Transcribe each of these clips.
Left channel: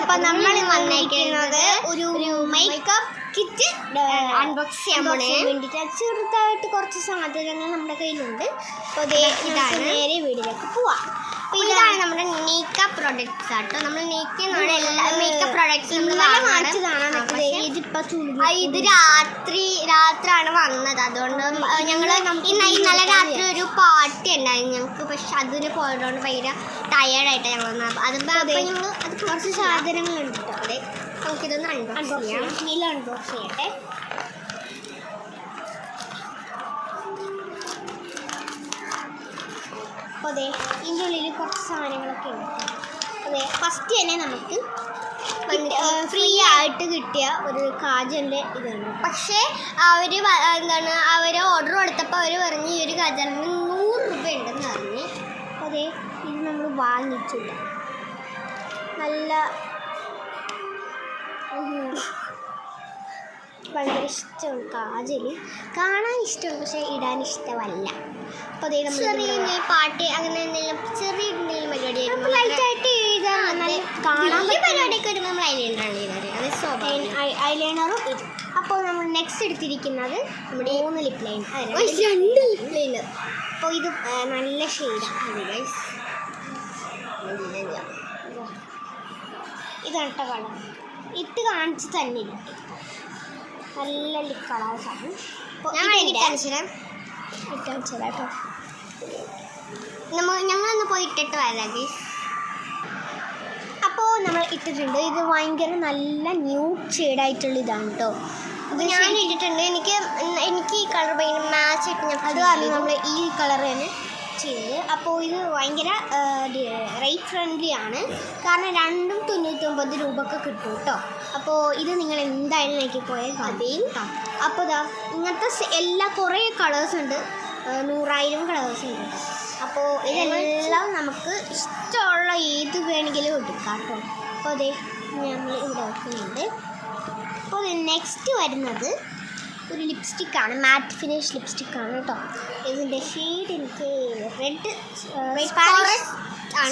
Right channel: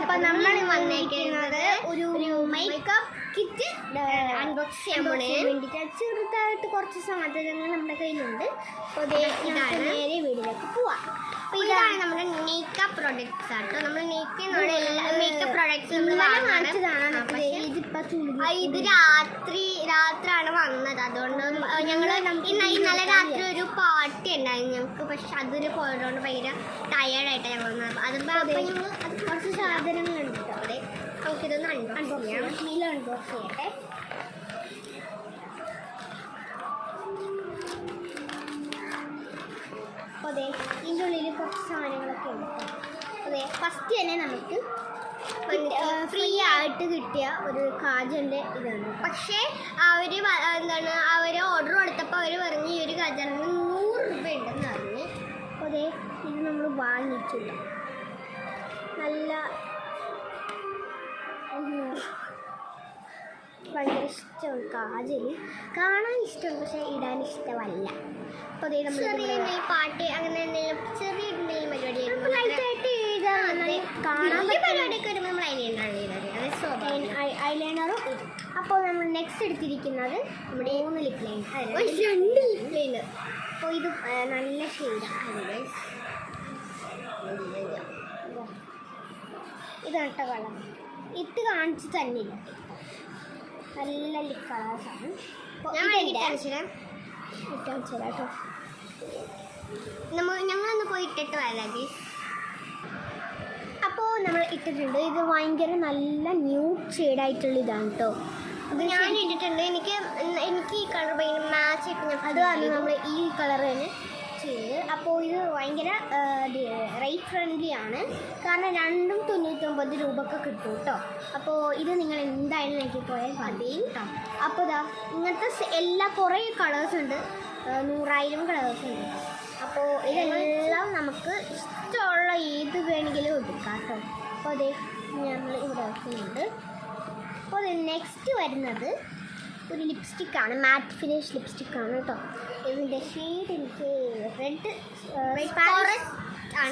അപ്പോൾ നമ്മൾ വന്നേക്കുന്നത് ഒരു മേക്കപ്പ് കിറ്റ് അൺബോക്സ് ചെയ്യാൻ വേണ്ടിയിട്ട് ചെറുതായിട്ട് കുറച്ച് സാധനങ്ങൾ നമ്മുടെ കയ്യിലുണ്ട്. അപ്പോൾ ഇതാണ് നേരെ വീട്ടിലേക്ക് പോവാം. അപ്പോൾ ഇതാണ് നമ്മുടെ മേക്കപ്പ് പ്രോഡക്റ്റ്സ് ആട്ടോ. നമ്മൾ നീക്കിയാണ് എല്ലാ മേക്കപ്പ് പ്രോഡക്റ്റ്സ് നമ്മൾ വാങ്ങിച്ചതാണ്. ഇത് രാത്രിയാണ് വന്നത്. അതുകൊണ്ട് ഞങ്ങൾ ഇന്നലെ രാത്രി ഒരു പാർട്ടി ഉണ്ടായിരുന്നു ഞങ്ങൾക്ക്. പക്ഷെ അതിന് പോയതുകൊണ്ട് ഭയങ്കര ടയേർഡായിട്ടാണ് ഞങ്ങൾ വന്നത്. അപ്പോൾ ഞങ്ങൾ അത് കുറച്ച് സാധനങ്ങളുണ്ട് കേട്ടോ. അവിടെ നമുക്കിതൊന്ന് അൺബോക്സ് ചെയ്യാം. നീല അൺബോക്സ് ചെയ്യട്ടെ. അപ്പോൾ അതെ ഇതിൻ്റെ ഉള്ളിൽ കുറച്ച് സാധനങ്ങളൊക്കെ ഉണ്ട്. അതെ ഫസ്റ്റ് തന്നെ നമുക്ക് ഫ്രീ ആയിട്ട് കിട്ടിയ ഒരു കാജലിൻ്റെ ഇതാണ്. പക്ഷേ അവർ ഓർഡർ കൊടുത്തപ്പോൾ അവർ പറഞ്ഞു ഈ ഒരു കാജലിന് 100 രൂപ ഉണ്ടെന്ന് പറഞ്ഞു. അപ്പോൾ അതെ ഇത് നമ്മൾ വാങ്ങിച്ചില്ല. നല്ല ഭയങ്കര ഇഷ്ടമാണ് കാജൽ. കാണാൻ ഇഷ്ടമാണ് പക്ഷേ ഇടാൻ ഇഷ്ടമല്ല. അപ്പോൾ അതേ നമ്മൾ പാട്ട് അങ്ങനെ എന്തെങ്കിലും ചെറിയ എന്തെങ്കിലും പരിപാടി ലൈറ്റായിട്ട് പരിപാടിയൊക്കെ വരുമ്പോൾ നമ്മൾ ഐലൈനറാണ് ചെയ്തത്. അത് ഐലൈനറും ഇത്. അപ്പോൾ നമ്മൾ നെക്സ്റ്റ് എടുത്തിരിക്കുന്നത് നമ്മുടെ 3 ലിപ് ലൈനർ, 2 ലിപ് ലൈനർ. അപ്പോൾ ഇത് നല്ല ഷെയ്ഡാണ് ഗൈസ്. ഇതാണ് കേട്ടോ കളർ. ഇട്ട് കാണിച്ച് തന്നെ നല്ല ലിപ് കളേഴ്സാണ്. കേട്ടോ ഞങ്ങളൊന്ന് പോയി ഇട്ടിട്ട് വരാം ഗൈസ്. അപ്പോൾ നമ്മൾ ഇട്ടിട്ടുണ്ട്. ഇത് ഭയങ്കര നല്ല ന്യൂഡ് ഷെയ്ഡായിട്ടുള്ള ഇതാണ് കേട്ടോ. ഇത് ഞാൻ ഇട്ടിട്ടുണ്ട്. എനിക്ക് ഈ കളർ ഭയങ്കര മാച്ച് ആയിട്ട് അത് കാരണം നമ്മൾ ഈ കളർ തന്നെ ചെയ്തത്. അപ്പോൾ ഇത് ഭയങ്കര റേറ്റ് ഫ്രണ്ട്ലി ആണ്. കാരണം 2ഉം 99 രൂപയൊക്കെ കിട്ടും കേട്ടോ. അപ്പോൾ ഇത് നിങ്ങൾ എന്തായാലും നോക്കി പോയാൽ മതിയും. അപ്പോൾ ഇതാ ഇങ്ങനത്തെ കുറേ കളേഴ്സ് ഉണ്ട്. 100,000 കളേഴ്സ് ഉണ്ട്. അപ്പോൾ ഇതെല്ലാം നമുക്ക് ഇഷ്ടമുള്ള ഏത് വേണമെങ്കിലും എടുക്കാം കേട്ടോ. അപ്പോൾ അതേ നമ്മൾ ഇവിടെ വെക്കുന്നുണ്ട്. അപ്പോൾ നെക്സ്റ്റ് വരുന്നത് ഒരു ലിപ്സ്റ്റിക്കാണ്. മാറ്റ് ഫിനിഷ് ലിപ്സ്റ്റിക്കാണ് കേട്ടോ. ഇതിൻ്റെ ഷെയ്ഡ് എനിക്ക് റെഡ്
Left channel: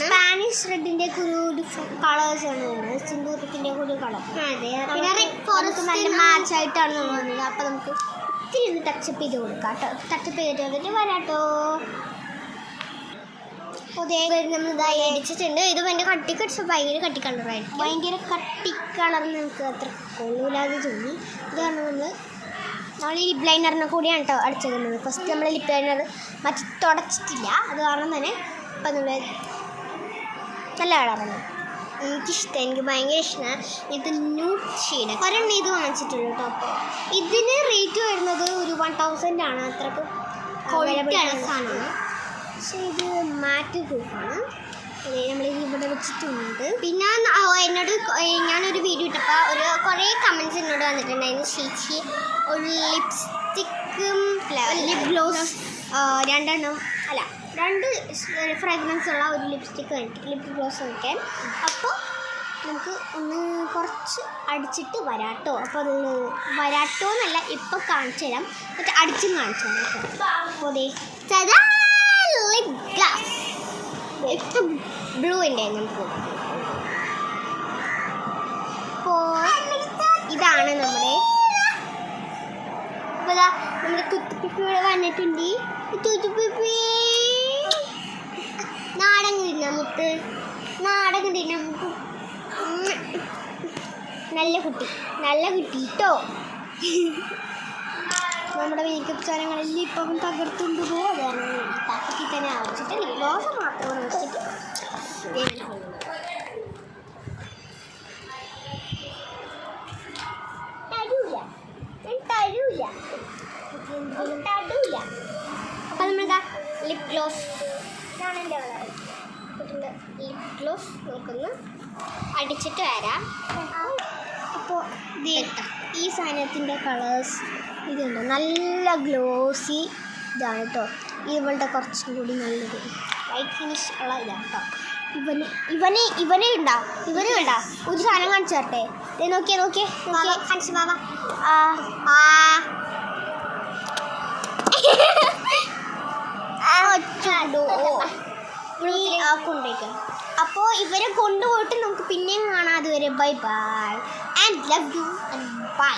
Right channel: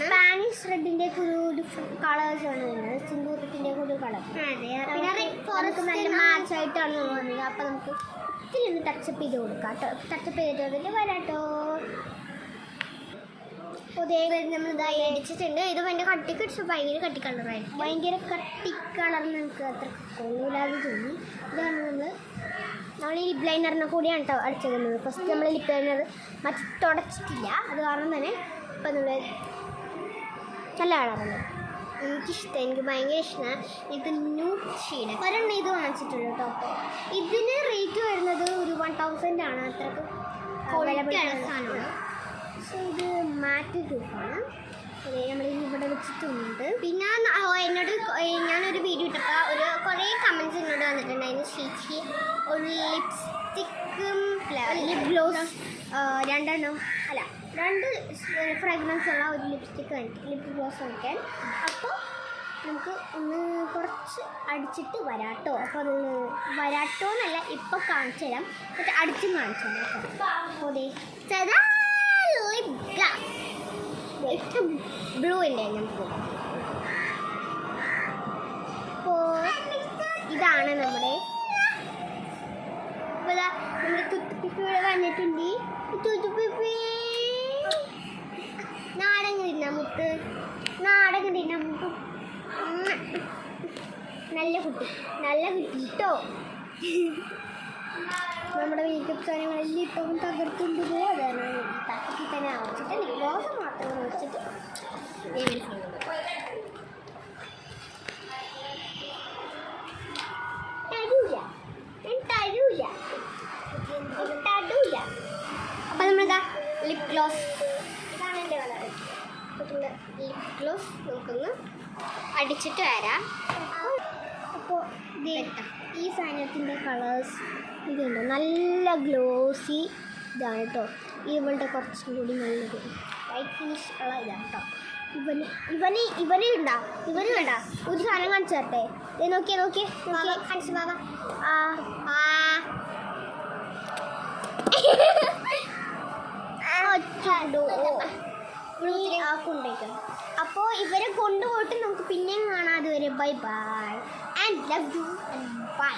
സ്പാനിഷ് റെഡിൻ്റെ ഒരു ഡിഫറെൻറ്റ് കളേഴ്സാണ് വരുന്നത്. സിന്ദൂരത്തിൻ്റെ ഒരു കളർ. പിന്നെ റെഡ് ഫോറസ്റ്റ് നല്ല മാച്ചായിട്ടാണ് നമ്മൾ വന്നത്. അപ്പോൾ നമുക്ക് ഇത്തിരി ഒന്ന് ടച്ചപ്പ് ചെയ്ത് കൊടുക്കാം കേട്ടോ. ടച്ചപ്പ് ചെയ്തിട്ട് വന്നിട്ട് വരാട്ടോ. അതേ നമ്മൾ ഇതായി അടിച്ചിട്ടുണ്ട്. ഇത് ഭയങ്കര ഭയങ്കര കട്ടി കളറായിരിക്കും. ഭയങ്കര കട്ടി കളറിന് നമുക്ക് അത്ര കൊള്ളൂലാതെ തോന്നി. ഇതാണ് നമ്മൾ ഈ ലിപ് ലൈനറിനെ കൂടിയാണ് കേട്ടോ അടിച്ചിരുന്നത്. ഫസ്റ്റ് നമ്മൾ ലിപ് ലൈനർ മറ്റു തുടച്ചിട്ടില്ല. അത് കാരണം തന്നെ ഇപ്പം നമ്മൾ നല്ല കളറാണ്. എനിക്കിഷ്ടം. എനിക്ക് ഭയങ്കര ഇഷ്ടമാണ്. ഇത് ന്യൂഡ് ഷെയ്ഡ്. ഒരെണ്ണം ഇത് വാങ്ങിച്ചിട്ടുള്ളൂ കേട്ടോ. അപ്പോൾ ഇതിന് റേറ്റ് വരുന്നത് ഒരു 1000 ആണ്. അത്രക്ക് ക്വാളിറ്റിയുള്ള സാധനമാണ്. പക്ഷേ ഇത് മാറ്റ് പ്രൂഫാണ്. അതെ നമ്മൾ ഇവിടെ വെച്ചിട്ടുണ്ട്. പിന്നെ എന്നോട് ഞാനൊരു വീഡിയോ ഇട്ടപ്പോൾ കുറേ കമൻറ്റ്സ് എന്നോട് വന്നിട്ടുണ്ടായിരുന്നു. ചേച്ചി ഒരു ലിപ്സ്റ്റിക്കും ലിപ് ഗ്ലോസ് 2 ഫ്രാഗ്രൻസ് ഉള്ള ഒരു ലിപ്സ്റ്റിക്ക് ലിപ് ഗ്ലോസ് വയ്ക്കാൻ. അപ്പോൾ നമുക്ക് ഒന്ന് കുറച്ച് അടിച്ചിട്ട് വരാട്ടോ. അപ്പോൾ അത് വരാട്ടോ എന്നല്ല ഇപ്പോൾ കാണിച്ചു തരാം. എന്നിട്ട് അടിച്ചും കാണിച്ചു തരാം കേട്ടോ. അപ്പോൾ അതെ ലിപ് ഗ്ലാസ് ഇപ്പം ബ്ലൂവിൻ്റെ നമുക്ക്. അപ്പോൾ ഇതാണ് നമ്മുടെ. അപ്പോൾ നമ്മുടെ തുത്തുപ്പിപ്പി ഇവിടെ വന്നിട്ടുണ്ട്. തുത്തുപ്പിപ്പി നാടകം തിന്നാം. മുത്ത് നാടകം തിന്നാം. നല്ല കുട്ടി കേട്ടോ. നമ്മുടെ മേക്കപ്പ് സാധനങ്ങളിൽ ഇപ്പം തകർത്തുകൊണ്ട് പോകും. അതാണ് തക്കത്തിൽ തന്നെ ആവശ്യമില്ല. ഗ്ലോസ് മാത്രം വെച്ചിട്ട് തരൂല. അപ്പം നമ്മളിതാ ലിപ് ഗ്ലോസ്. ഇതാണ് എൻ്റെ കളർ. ലിപ് ഗ്ലോസ് നമുക്കൊന്ന് അടിച്ചിട്ട് വരാം. അപ്പോൾ ഈ സാധനത്തിൻ്റെ കളേഴ്സ് ഇതുണ്ട്. നല്ല ഗ്ലോസി ഇതാണ് കേട്ടോ. ഇവളുടെ കുറച്ചും കൂടി നല്ലത് ലൈറ്റ് ഫിനിഷ് ഉള്ള ഇതാണ് കേട്ടോ. ഇവന് ഉണ്ടാ ഒരു സാധനം കാണിച്ചു തരട്ടെ. നോക്കിയേ കാണിച്ചു ബാബാ. കൊണ്ടേക്കാം. അപ്പോൾ ഇവരെ കൊണ്ടുപോയിട്ട് നമുക്ക് പിന്നെയും കാണാം. അതുവരെ bye bye and love you and by.